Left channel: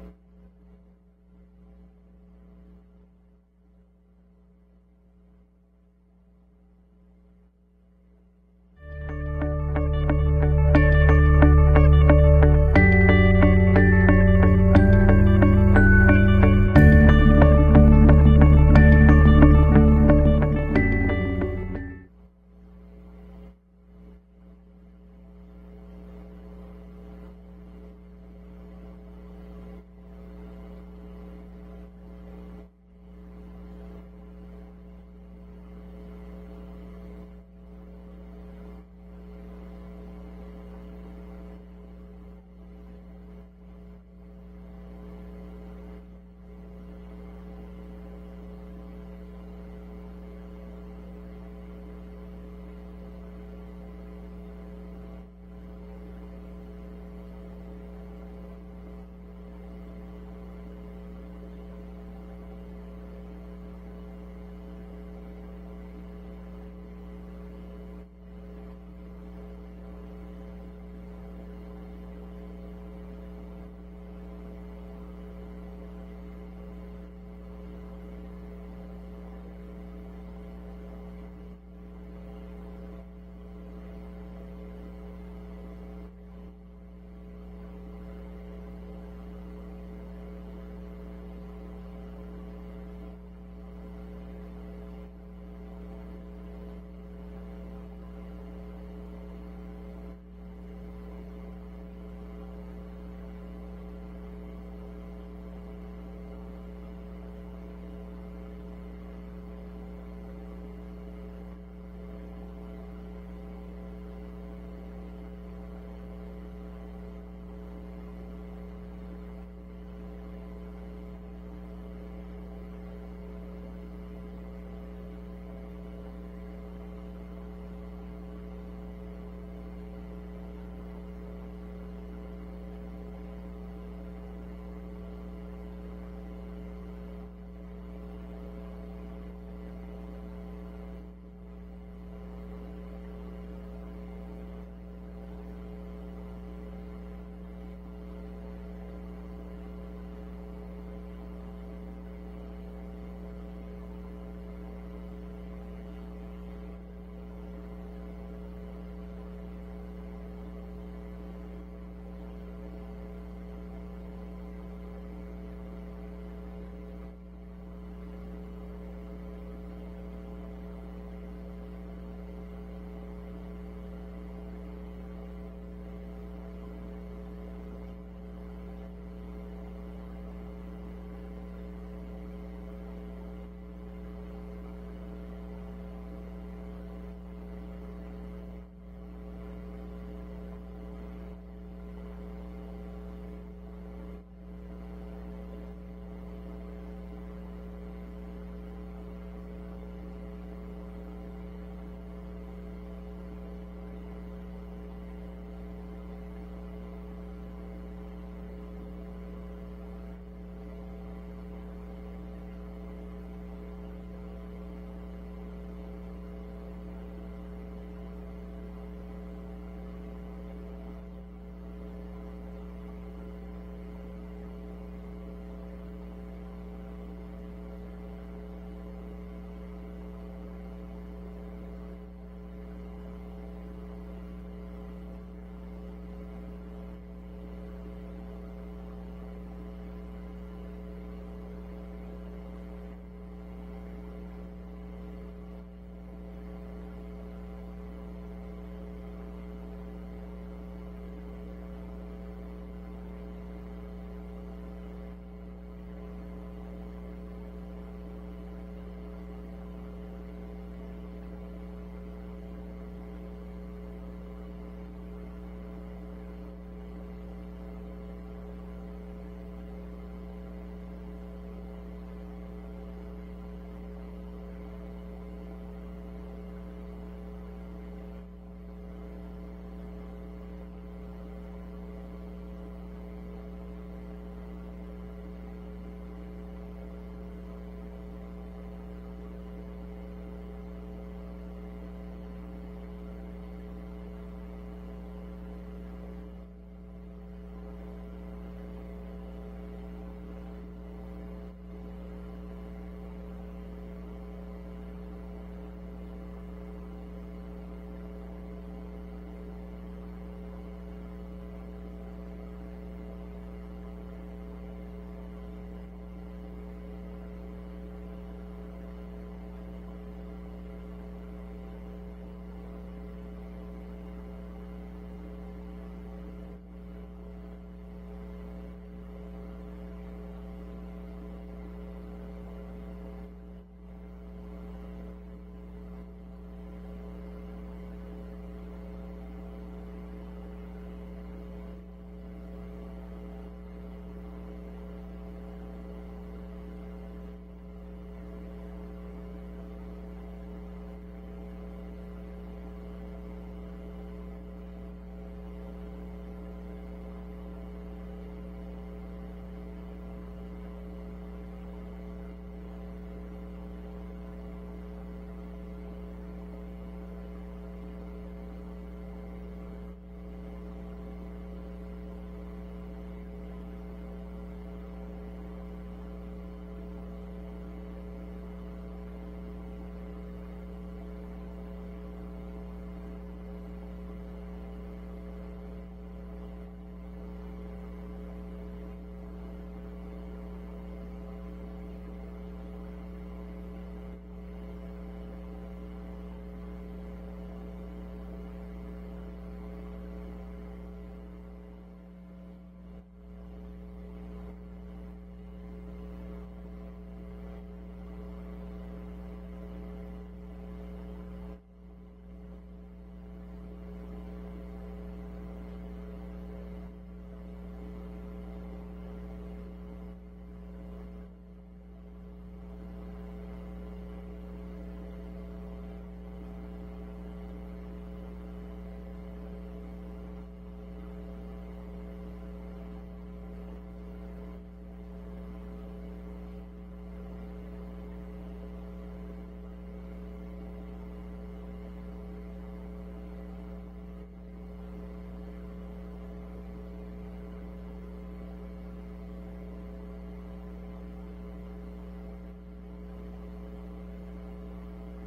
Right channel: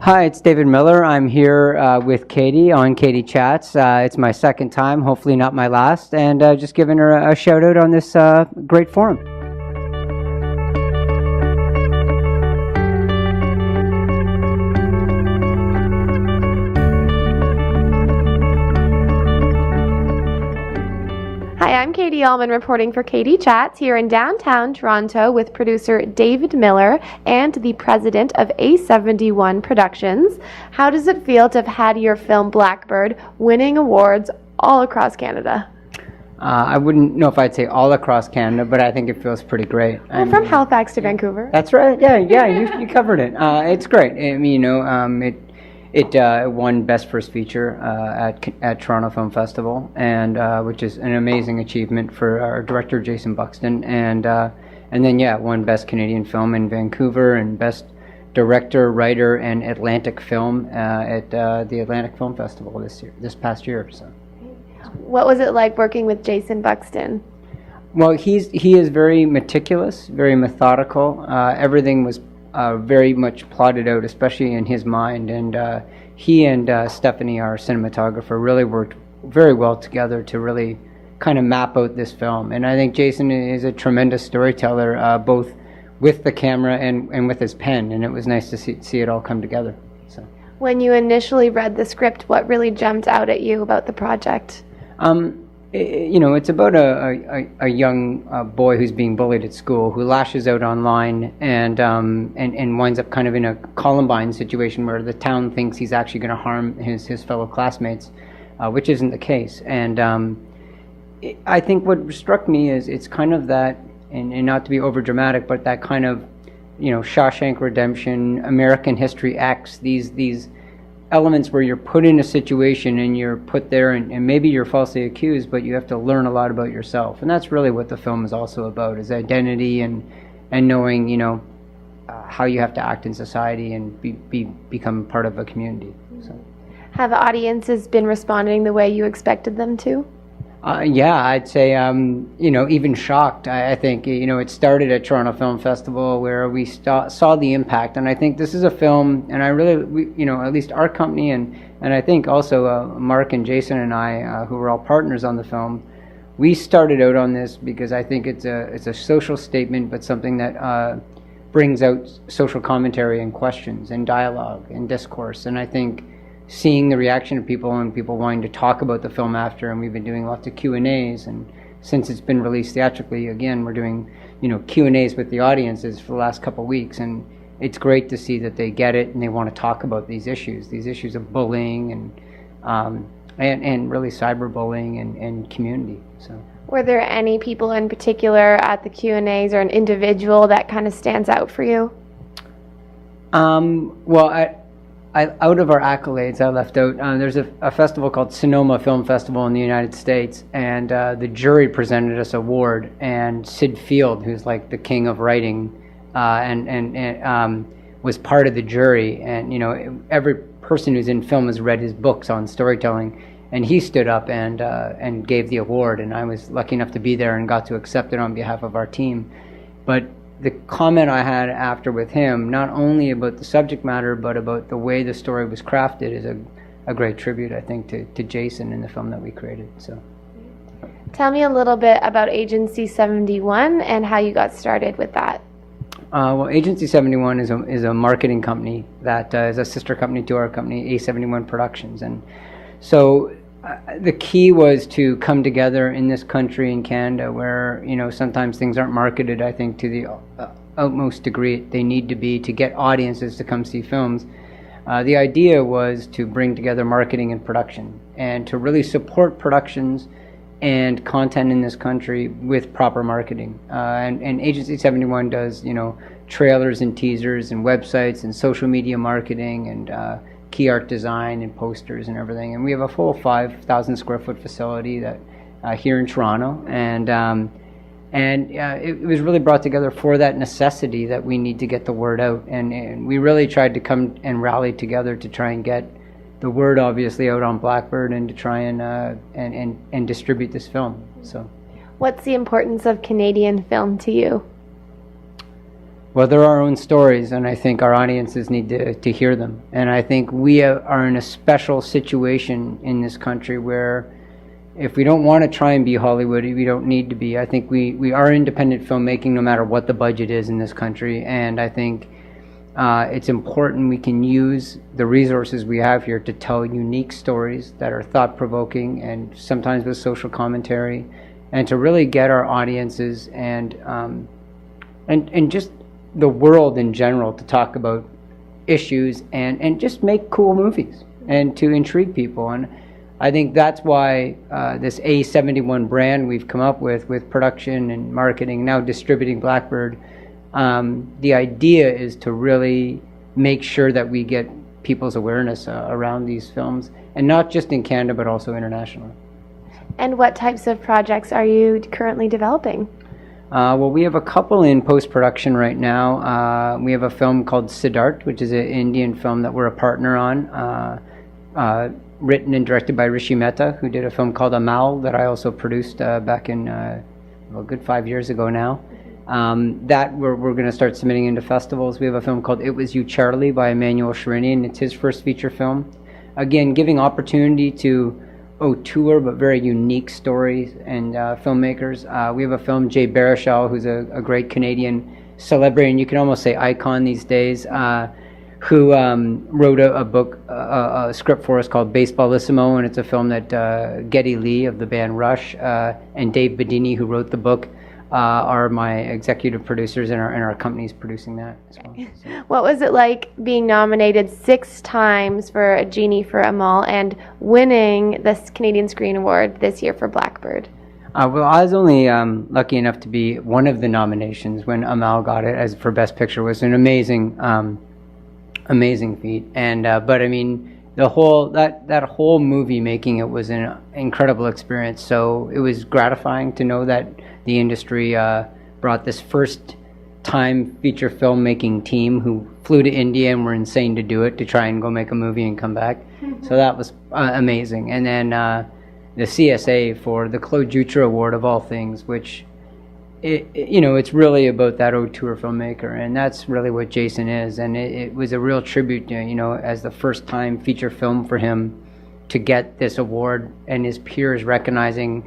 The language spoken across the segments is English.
Hi, it's David Miller. I'm here with Katie on Katie Chats. It's my second time, hopefully not my last, and just giving her a shout out on this great forum. Katie Allman reporting for Katie Chats here in downtown Toronto with producer David Miller and the president of A71 Productions. How does it feel to have had your film Blackbird winning awards all across Canada? I wouldn't know if I'd say all across Canada, but I think it feels pretty great. Well, from Halifax to Vancouver. That's right. Yeah, you covered it. It's great. I mean, It won Best First Feature at Toronto Film Festival, and which is an amazing achievement for our director Jason Buxton, and then it won Best Canadian Film in Vancouver and Best Director, Writer, and Atlantic Film at the Atlantic Film Festival this past year. So, what was it like working with Jason Buxton? Well, he is very meticulous, very methodical. Everything was very much plotted out, especially in his mind, and he and Stephanie, our cinematographer, really worked very well together to really kind of map out this film. And I think Jason is a tremendous storyteller, both with the camera and with his pen, and it was nice to see it all come together. So, when you initially read the script, what really jumped out at you about the project? It's about a young boy who's being bullied at school, who lashes out online and winds up kind of in a Columbine situation where the town thinks he's actually going to harm his fellow classmates, which isn't the case. And I think what struck me is it's kind of that, and not to be over dramatic, but that kind of, Shawshank Redemption, American History X, these elements where you're put in a situation and you're put there and maybe you're falsely accused, but you have to learn a lot about yourself. And that's really what the film is also about, is identity and knowing, how you have to act in society and become part of a community. So. Have audiences been responding the way you expected them to? I'd say, even shocked. I think, it started at Toronto Film Festival where we saw the impact. And I think this is a film, and at least our company, and I think also Mark and Jason and I, who were all partners on the film, we started out on this because I think it's a social statement, but something that brings out social commentary and questions and dialogue and discourse. And I think seeing the reaction of people and people wanting to talk about the film after, and we've been doing lots of Q&As, and since it's been released theatrically, again, we're doing Q&As with the audiences for the last couple of weeks, and it's great to see that they get it and they want to talk about these issues of bullying and really cyberbullying and community. So, were there any people in particular at the Q&As or an individual that kind of stands out for you? Out of our accolades, I left out, there's a festival called Sonoma Film Festival in the United States, and the jury presented us an award, and Sid Field, who's like the king of writing, was part of the jury, and every person who's in film has read his books on storytelling, and he stood up and gave the award, and I was lucky enough to be there and got to accept it on behalf of our team. But the comment I had after with him, not only about the subject matter, but about the way the story was crafted, is a great tribute, I think, to Jason in the film that we created. So, tell me a little bit about Agency 71 and how you got started with that. Well, Agency 71 is a marketing company that is a sister company to our company, A71 Productions. And so the key was to come together in this country, in Canada, where sometimes things aren't marketed, I think, to the utmost degree they need to be to get audiences to come see films. The idea was to bring together marketing and production, and to really support productions and content in this country with proper marketing. And Agency 71 does trailers and teasers and websites and social media marketing and key art design and posters and everything. And we have a full 5,000 square foot facility that here in Toronto, and it was really brought together for that necessity that we need to get the word out. And we really tried to come and rally together to try and get the word obviously out on Blackbird, and to try and distribute this film. So, what's the importance of Canadian film to you? Well, they're our own stories, and I think our audiences need to hear them. And I think we are in a special situation in this country where if we don't want to try and be Hollywood, we don't need to be. I think we are independent filmmaking no matter what the budget is in this country, and I think it's important we can use the resources we have here to tell unique stories that are thought-provoking and sometimes with social commentary, and to really get our audiences and just the world in general to talk about issues and just make cool movies and to intrigue people. And I think that's why this A71 brand we've come up with production and marketing, now distributing Blackbird, the idea is to really make sure that we get people's awareness around these films, and not just in Canada but also internationally. And what types of projects are you currently developing? Well, we have a couple in post-production right now. We have a film called Siddharth, which is an Indian film that we're a partner on, written and directed by Rishi Mehta, who did a film called Amal that I also produced back in a good 5 years ago now. That we're going to start submitting into festivals. We have a film called It Was You, Charlie by Emmanuel Sharinian. It's his first feature film. Again, giving opportunity to auteur but very unique stories and filmmakers. We have a film, Jay Baruchel, who's a great Canadian celebrity, and you can almost say icon these days, who wrote a book, a script for us called Baseballissimo, and it's a film that Geddy Lee of the band Rush and Dave Bedini, who wrote the book, are my executive producers, and our company's producing that as well. So. What was it like being nominated 6 times for a Genie for Amal and winning this Canadian Screen Award this year for Blackbird? Well, I was only lucky enough to be one of the nominations when Amal got it as for Best Picture. It was an amazing feat, and but I mean, the whole that whole movie making it was an incredible experience. So it was gratifying to know that the industry brought this first-time feature filmmaking team who flew to India and were insane to do it, to try and go make a movie and come back. So that was amazing. And then the CSA for the Claude Jutra Award of all things, which it's really about that auteur filmmaker, and that's really what Jason is. And it was a real tribute, as the first-time feature film for him to get this award, and his peers recognizing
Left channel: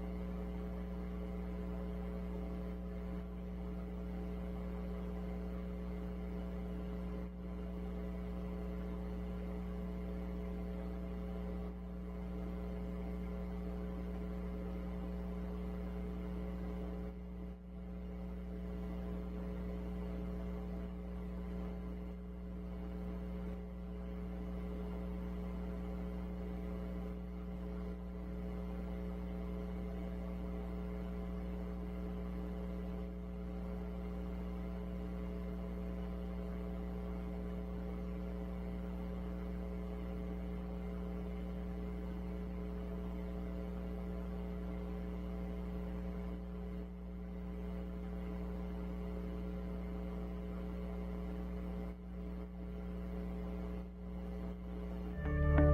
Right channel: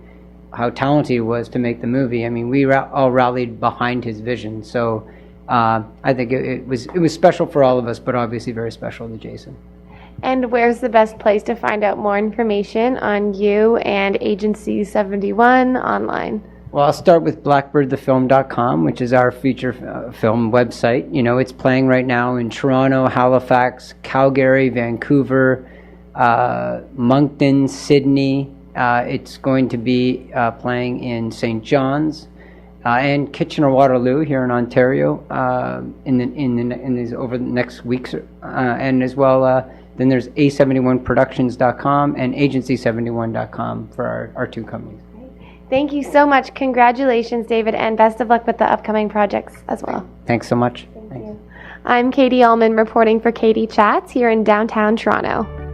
how talented he was to make the movie. I mean, we all rallied behind his vision. So I think it was special for all of us, but obviously very special to Jason. And where's the best place to find out more information on you and Agency 71 online? Well, I'll start with blackbirdthefilm.com, which is our feature film website. It's playing right now in Toronto, Halifax, Calgary, Vancouver, Moncton, Sydney. It's going to be playing in St. John's and Kitchener-Waterloo here in Ontario in these over the next weeks, and as well. Then there's A71productions.com and Agency71.com for our 2 companies. Thank you so much. Congratulations, David, and best of luck with the upcoming projects as well. Thanks so much. Thank you. I'm Katie Allman reporting for Katie Chats here in downtown Toronto.